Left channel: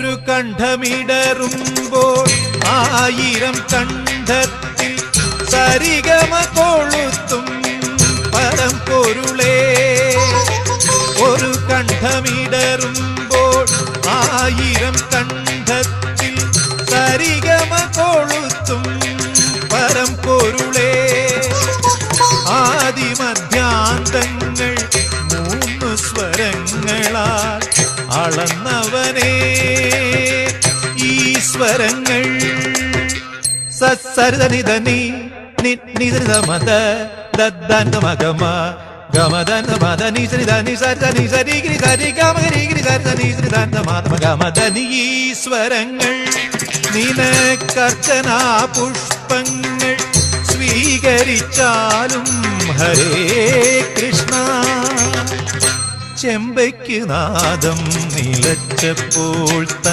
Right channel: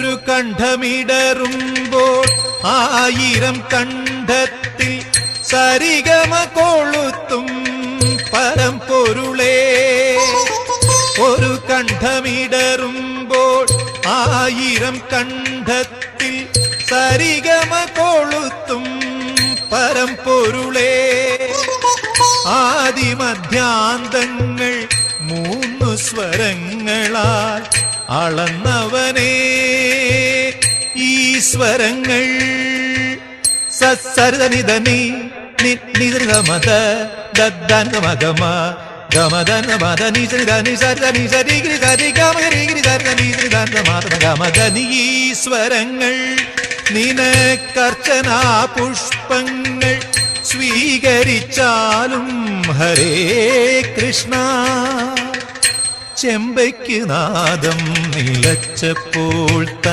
ഒരു കണ്ഠമിടറുമ്പോൾ ആയിരം കണ്ഠത്തിൽ സരിഗമ കൊളുത്തും പരമ്പൊരുളേ. ഒരു കണ്ഠമിടറുമ്പോൾ ആയിരം കണ്ഠത്തിൽ സരിഗമ കൊളുത്തും പരമ്പൊരുളേ. ആദിമധ്യാന്തങ്ങൾ മൂന്നു സ്വരങ്ങളാൽ അളന്നവനേ. ഈശ്വരങ്ങൾ സസരിതനിധനി നിധനിധമത ദദ്ദനമഗമ ഗമദന മദ നിധനി സരിധനി സരിഗിരി സരി ഗമഗിരി സരിധനി ഗമദനി. ഈശ്വരങ്ങൾ നിനക്കർച്ചനാ പുഷ്പങ്ങൾ സ്വീകരിച്ചാലും ഹരേ കൃഷ്ണ. ചെമ്പയ്ക്ക് നാദം നിലച്ചപ്പോൾ